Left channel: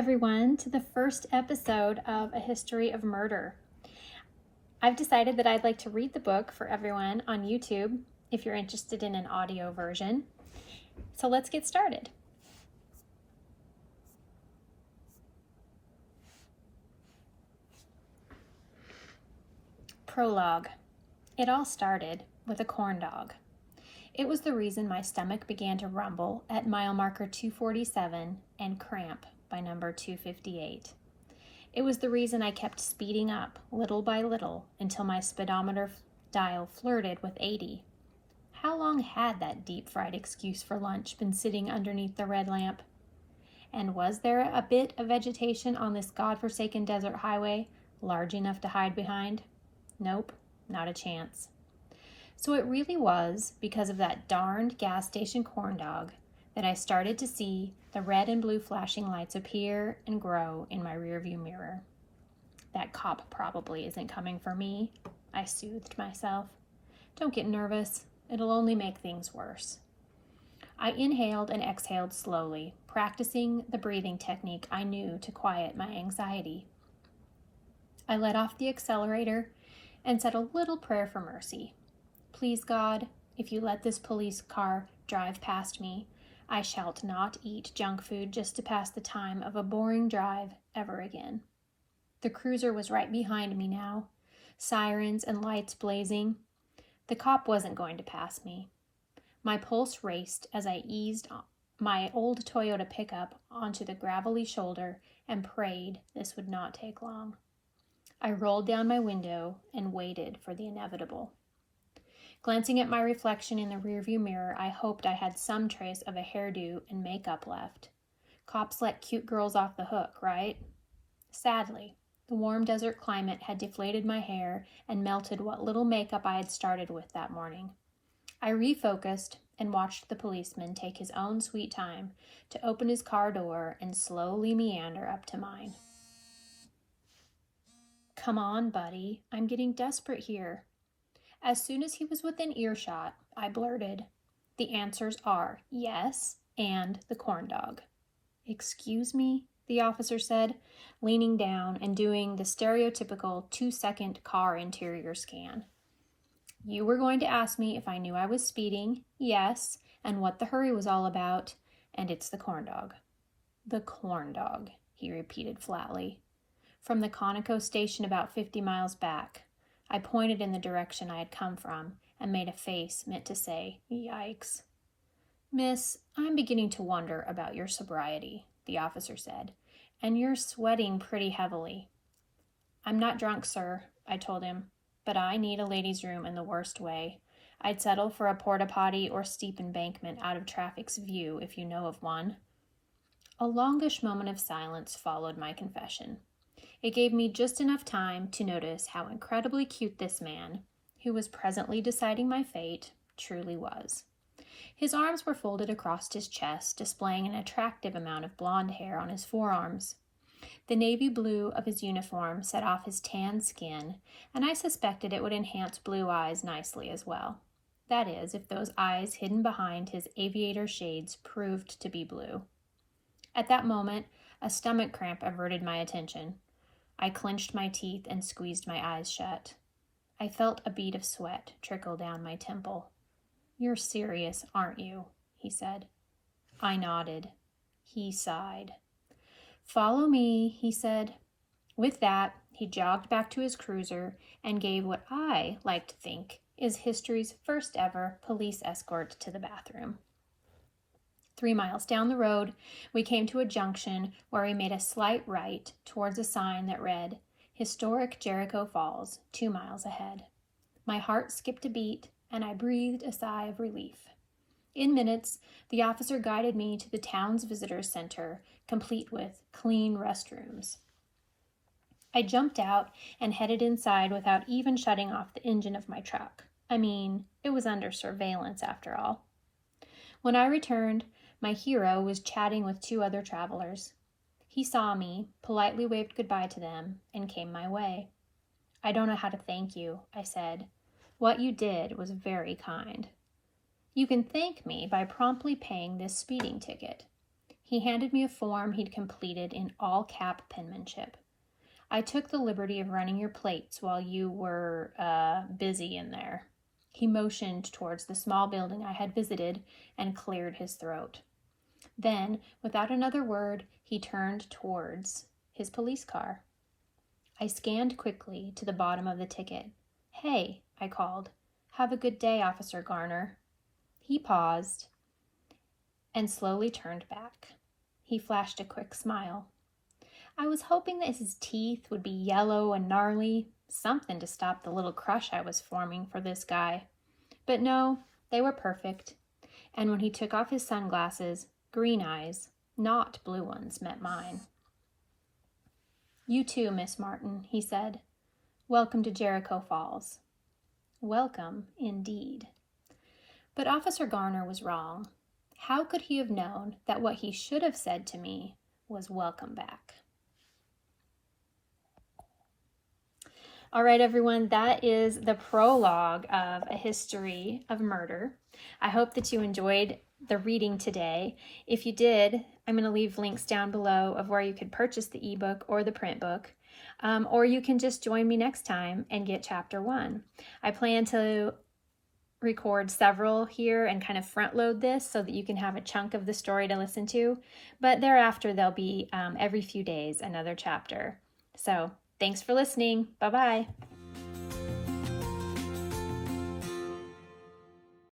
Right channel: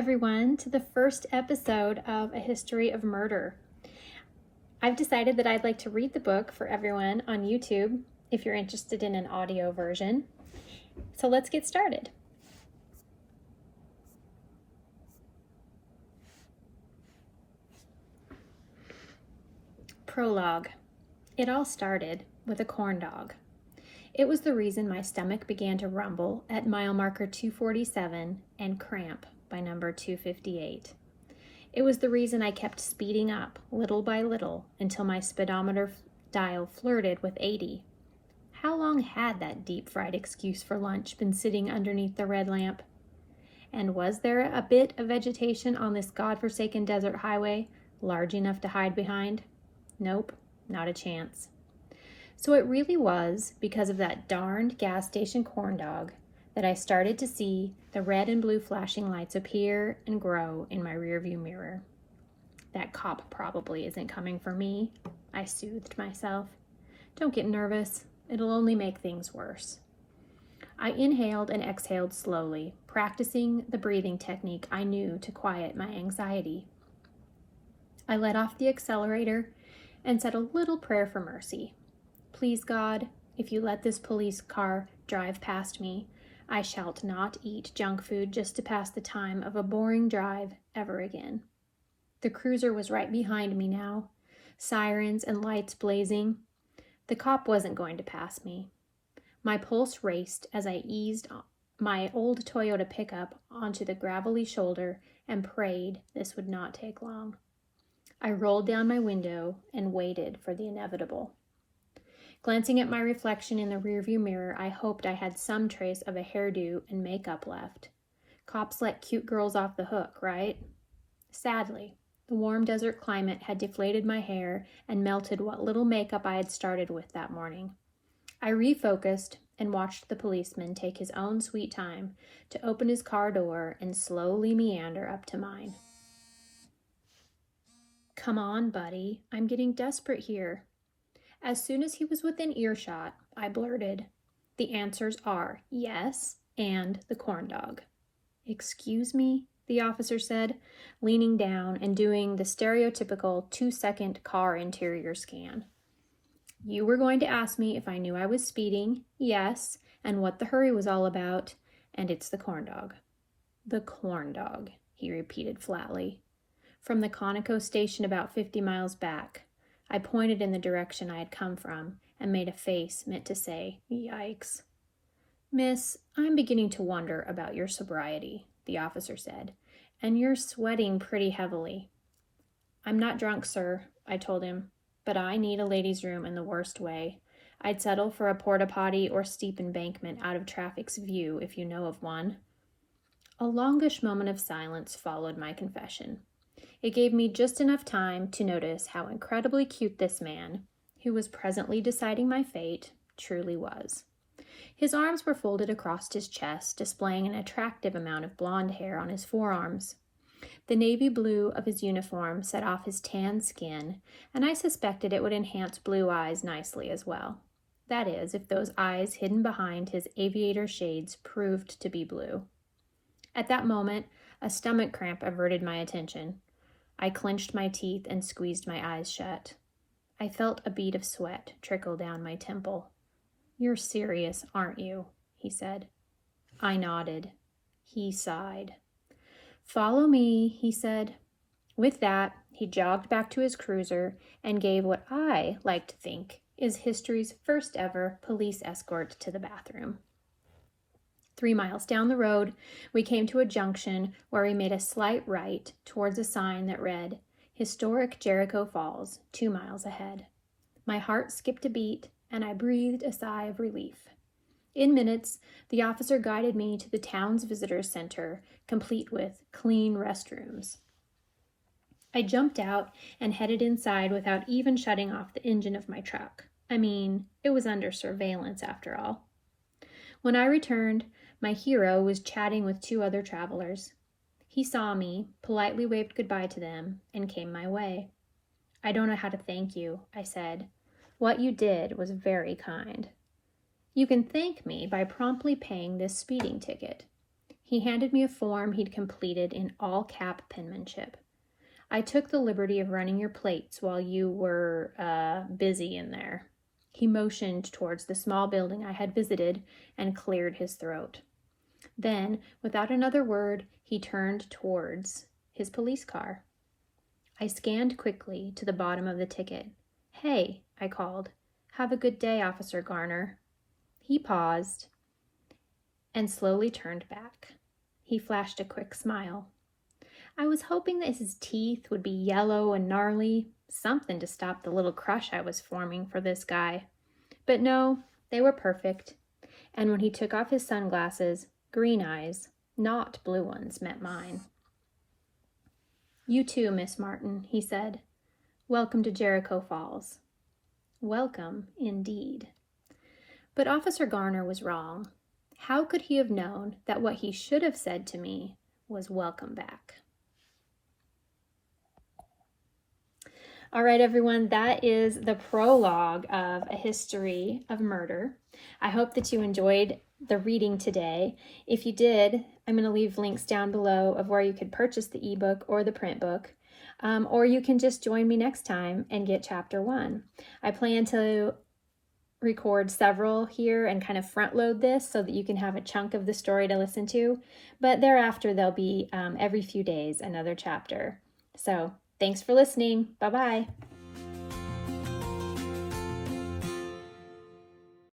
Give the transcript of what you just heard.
everyone, to the first episode of A History of Murder. I've decided that I'd like to read the book for everyone on YouTube if you're interested in an audio version. So let's get started. Prologue. It all started with a corn dog. It was the reason my stomach began to rumble at mile marker 247 and cramp by number 258. It was the reason I kept speeding up little by little until my speedometer dial flirted with 80. How long had that deep-fried excuse for lunch been sitting underneath the red lamp? And was there a bit of vegetation on this godforsaken desert highway large enough to hide behind? Nope, not a chance. So it really was because of that darned gas station corn dog that I started to see the red and blue flashing lights appear and grow in my rearview mirror. That cop probably isn't coming for me, I soothed myself. Don't get nervous, it'll only make things worse. I inhaled and exhaled slowly, practicing the breathing technique I knew to quiet my anxiety. I let off the accelerator and said a little prayer for mercy. Please, God, if you let this police car drive past me, I shall not eat junk food just to pass the time of a boring drive ever again. The cruiser was right behind me now, sirens and lights blazing. The cop wasn't going to pass me. My pulse raced as I eased my old Toyota pickup onto the gravelly shoulder and prayed this would not take long. I rolled down my window and waited for the inevitable. Glancing at my reflection in the rearview mirror, I hoped I had some trace of a hairdo and makeup left. Cops let cute girls off the hook, right? Sadly, the warm desert climate had deflated my hair and melted what little makeup I had started with that morning. I refocused and watched the policeman take his own sweet time to open his car door and slowly meander up to mine. Come on, buddy, I'm getting desperate here. As soon as he was within earshot, I blurted, "The answers are yes and the corn dog." "Excuse me?" the officer said, leaning down and doing the stereotypical 2-second car interior scan. "You were going to ask me if I knew I was speeding, yes, and what the hurry was all about, and it's the corn dog." "The corn dog," he repeated flatly. "From the Conoco station about 50 miles back." I pointed in the direction I had come from and made a face meant to say, "Yikes." "Miss, I'm beginning to wonder about your sobriety," the officer said, "and you're sweating pretty heavily." "I'm not drunk, sir," I told him, "but I need a ladies' room in the worst way. I'd settle for a porta potty or steep embankment out of traffic's view if you know of one." A longish moment of silence followed my confession. It gave me just enough time to notice how incredibly cute this man, who was presently deciding my fate, truly was. His arms were folded across his chest, displaying an attractive amount of blonde hair on his forearms. The navy blue of his uniform set off his tan skin, and I suspected it would enhance blue eyes nicely as well. That is, if those eyes hidden behind his aviator shades proved to be blue. At that moment, a stomach cramp averted my attention. I clenched my teeth and squeezed my eyes shut. I felt a bead of sweat trickle down my temple. "You're serious, aren't you?" he said. I nodded. He sighed. "Follow me," he said. With that, he jogged back to his cruiser and gave what I like to think is history's first ever police escort to the bathroom. 3 miles down the road, we came to a junction where we made a slight right towards a sign that read, "Historic Jericho Falls, 2 miles ahead." My heart skipped a beat, and I breathed a sigh of relief. In minutes, the officer guided me to the town's visitor center, complete with clean restrooms. I jumped out and headed inside without even shutting off the engine of my truck. I mean, it was under surveillance after all. When I returned, my hero was chatting with 2 other travelers. He saw me, politely waved goodbye to them, and came my way. "I don't know how to thank you," I said. "What you did was very kind." "You can thank me by promptly paying this speeding ticket." He handed me a form he'd completed in all-cap penmanship. I took the liberty of running your plates while you were, busy in there. He motioned towards the small building I had visited and cleared his throat. Then, without another word, he turned towards his police car. I scanned quickly to the bottom of the ticket. "Hey," I called. "Have a good day, Officer Garner." He paused and slowly turned back. He flashed a quick smile. I was hoping that his teeth would be yellow and gnarly, something to stop the little crush I was forming for this guy. But no, they were perfect. And when he took off his sunglasses, green eyes, not blue ones, met mine. "You too, Miss Martin," he said. "Welcome to Jericho Falls." Welcome, indeed. But Officer Garner was wrong. How could he have known that what he should have said to me was welcome back? All right, everyone, that is the prologue of A History of Murder. I hope that you enjoyed the reading today. If you did, I'm going to leave links down below of where you could purchase the ebook or the print book, or you can just join me next time and get chapter 1. I plan to record several here and kind of front load this so that you can have a chunk of the story to listen to, but thereafter there'll be every few days another chapter. So thanks for listening. Bye-bye.